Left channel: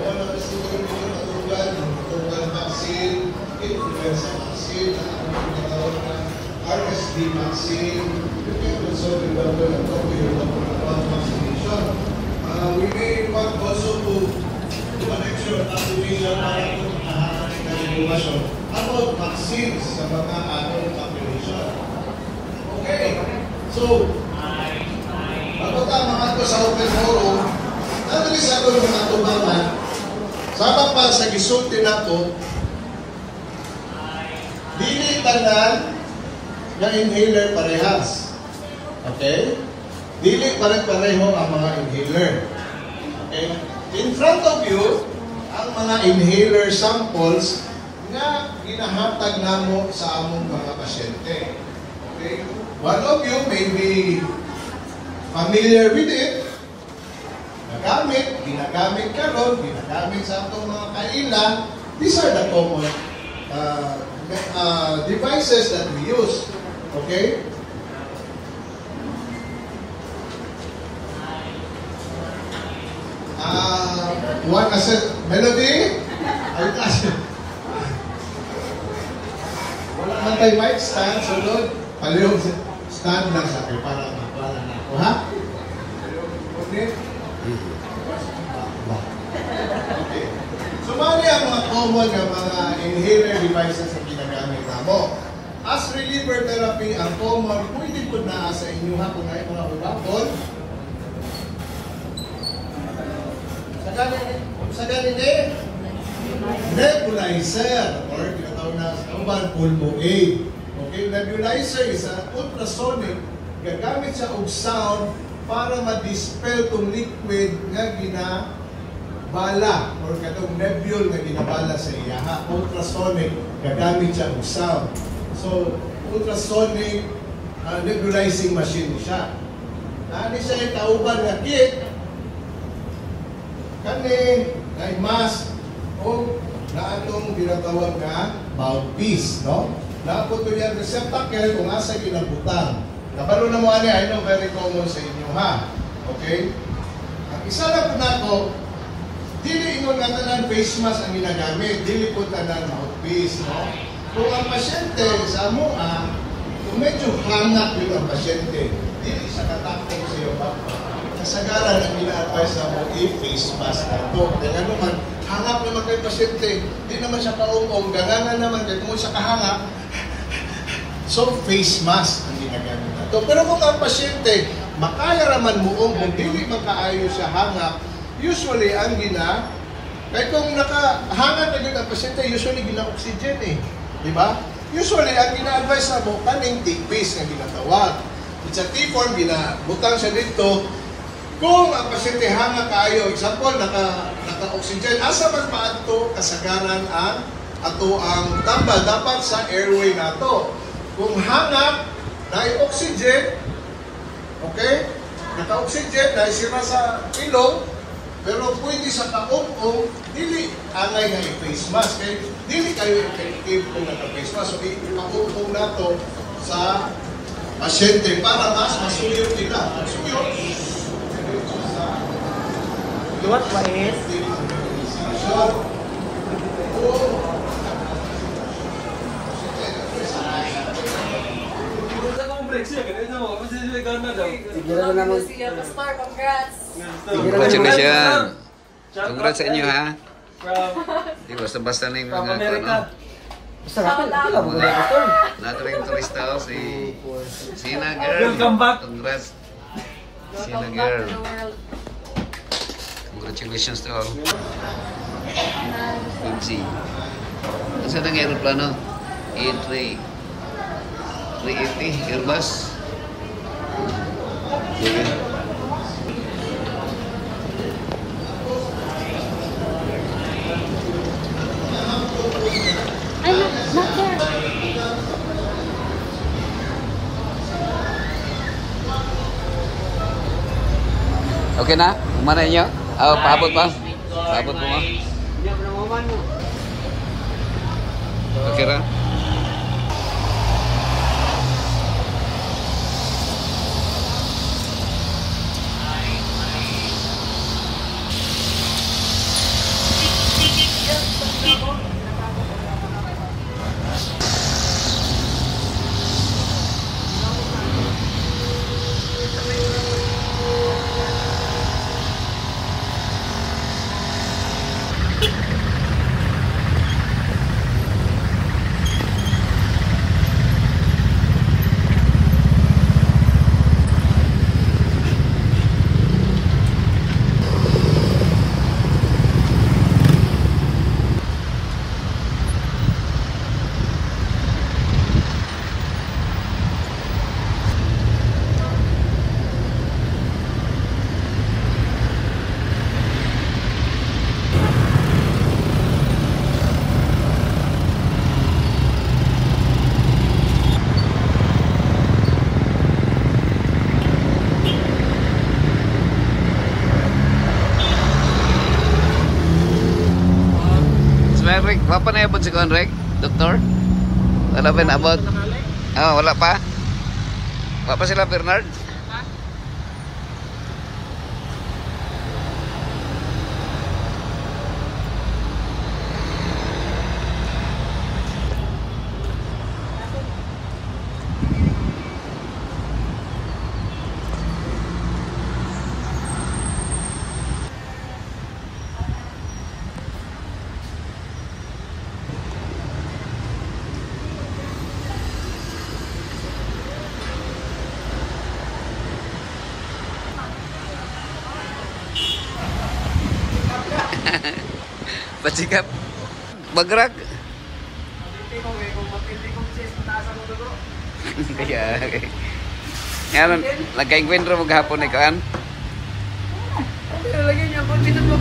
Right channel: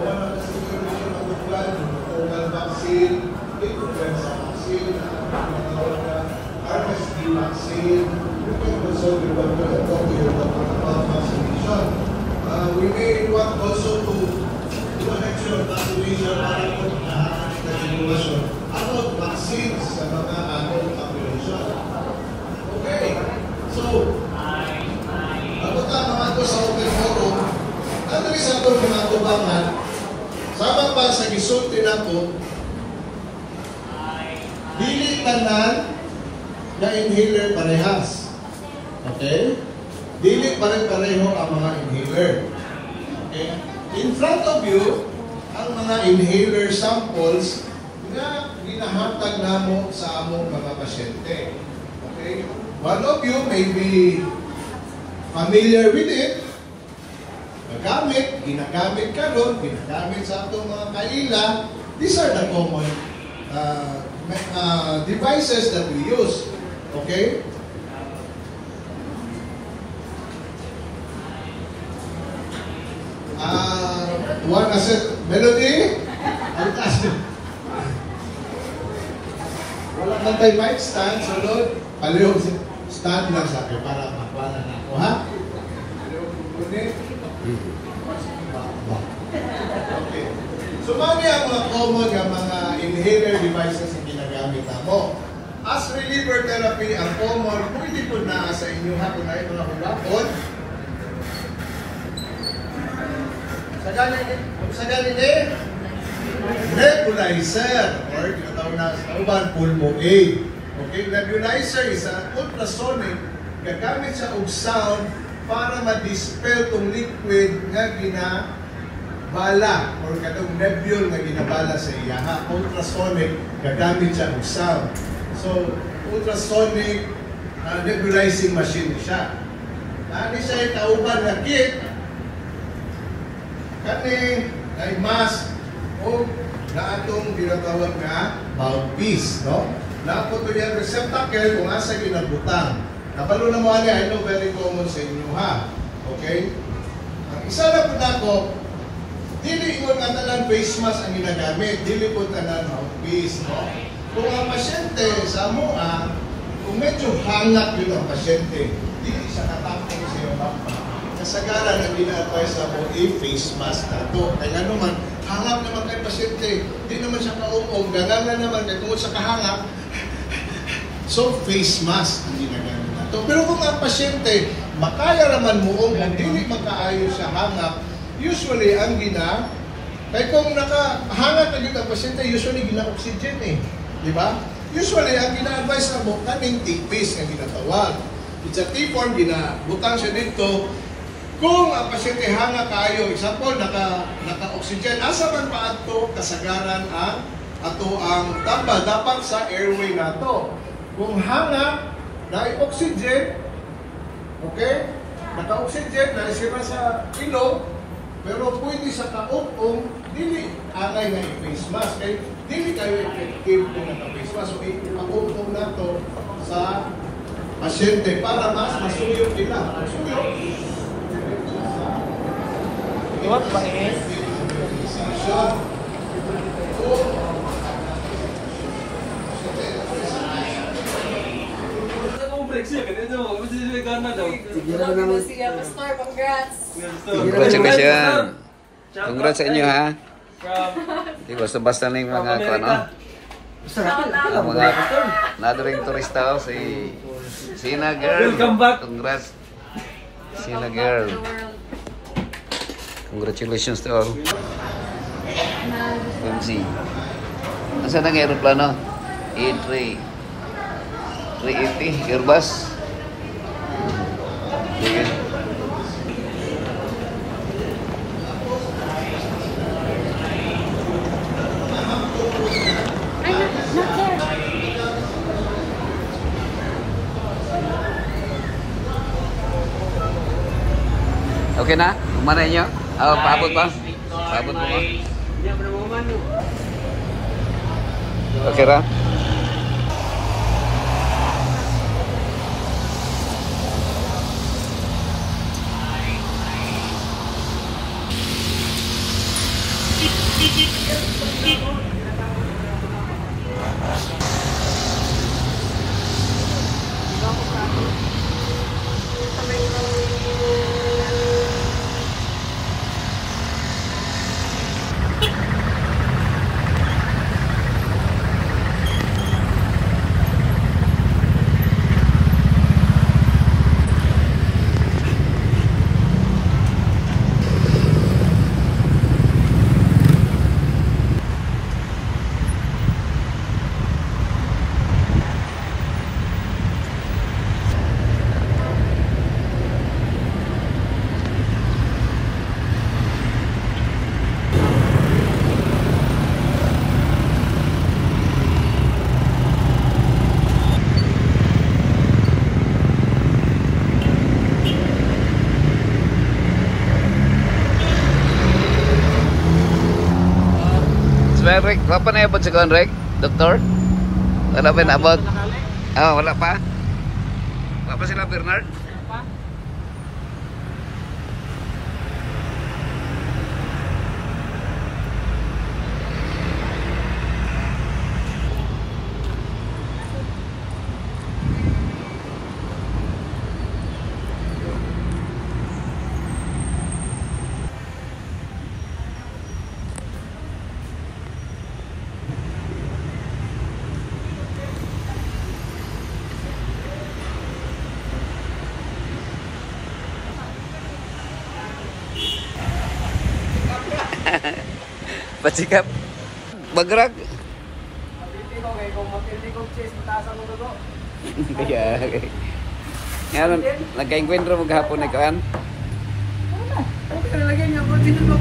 wala kasi yung mga total vaccine, influenza vaccine, RSV vaccine, you can also remember the topic about vaccination. We may want also to do an extra vaccination para ito na about vaccines sa mga adult population. Okay, so, bago ka mga ito sa open forum, nandali sa ito mga tubangan, sama pa sa gisulti na ko, dili tanan na inhaler parehas. Okay? Dili pare-pareho ang mga inhaler. Okay? In front of you, ang mga inhaler samples na ginahatag namo sa among mga pasyente. Okay? One of you may be familiar with it. Ginagamit karon, ginagamit sa atong mga kaila. These are the common devices that we use. Okay? One asset melody. Wala man tayo mic stand, sunod. Palihog stand lang sabi para mapala na ako, ha? Okay? Okay. So, mami ang mga common nga mga inhaler devices na ginagamit mo. As reliever therapy, ang common, pwede po na sa inyo ha kung ay mga hulapon. Sa galing nebulizer or tinatawag na sa uban pulmo-aid. Okay, nebulizer is an ultrasonic, gagamit siya og sound para ma-dispel tong liquid nga ginabala or katong nebule nga ginabala sa iyaha. Ultrasonic, gagamit siya og sound. So, ultrasonic nebulizing machine siya. Nani siya itauban nga kit kani kay mask o na atong ginatawag nga mouthpiece, no? Na po to yan receptacle kung asa ginabutang. Kabalo na mo ani, I know very common sa inyo ha. Okay? Ang isa na po nako, dili ingon nga tanan face mask ang ginagamit, dili po tanan mouthpiece, no? Kung ang pasyente sa amoa, kung medyo hangat yun ang pasyente, dili sa katapos sa iyo ba? Kasagaran ang gina-advise na mo face mask ito. Kaya nga naman, hangap naman kay pasyente, di naman siya kaungong, garangan naman kaya kung sa kahangap, so face mask ang ginagamit na ito. Pero kung ang pasyente, makaya naman mo kung hindi magkaayo siya hangap, usually ang kaya kung nakahangap na yun ang pasyente, usually gina-oxygen eh. Di ba? Usually, ang gina-advise na mo, kaming T-pace na ginatawag. It's a T-form, ginabutang siya dito. Kung ang pasyente hanga tayo, example, naka-oxygen, asa man pa ito kasagaran ang ato ang tambal, dapat sa airway na ito. Kung hanga, na-oxygen, okay? Naka-oxygen, na-isira sa ilong, pero pwede sa kaupong, dili angay na i-face mask. Kaya dili kayo effective kung naka-face mask. So, kaupong na ito sa pasyente para mas masuyot nila. Masuyot. You want what is? Congratulations! Congrats sa inyo ha! Di basta-basta na yung mga ano? Ang mga nadaring turista o si Sina Girl. Congrats! Sina Girl. Congratulations to all. MC. Nasaan ang aeroplano? A3 380 Airbus. Not there. Okay na? Umana inyo? Paabot ba? Paabot mo mo? Okay ra? Rick, wala pa na abot si Rick? Doktor? Wala pa na abot? Ah, wala pa? Wala pa sila, Bernard? Pasikap. Bagrag. Kaya. Ngayon, nagka-encuentro mo gahapon ni Kaan? Lagyan niya, bakit ito pa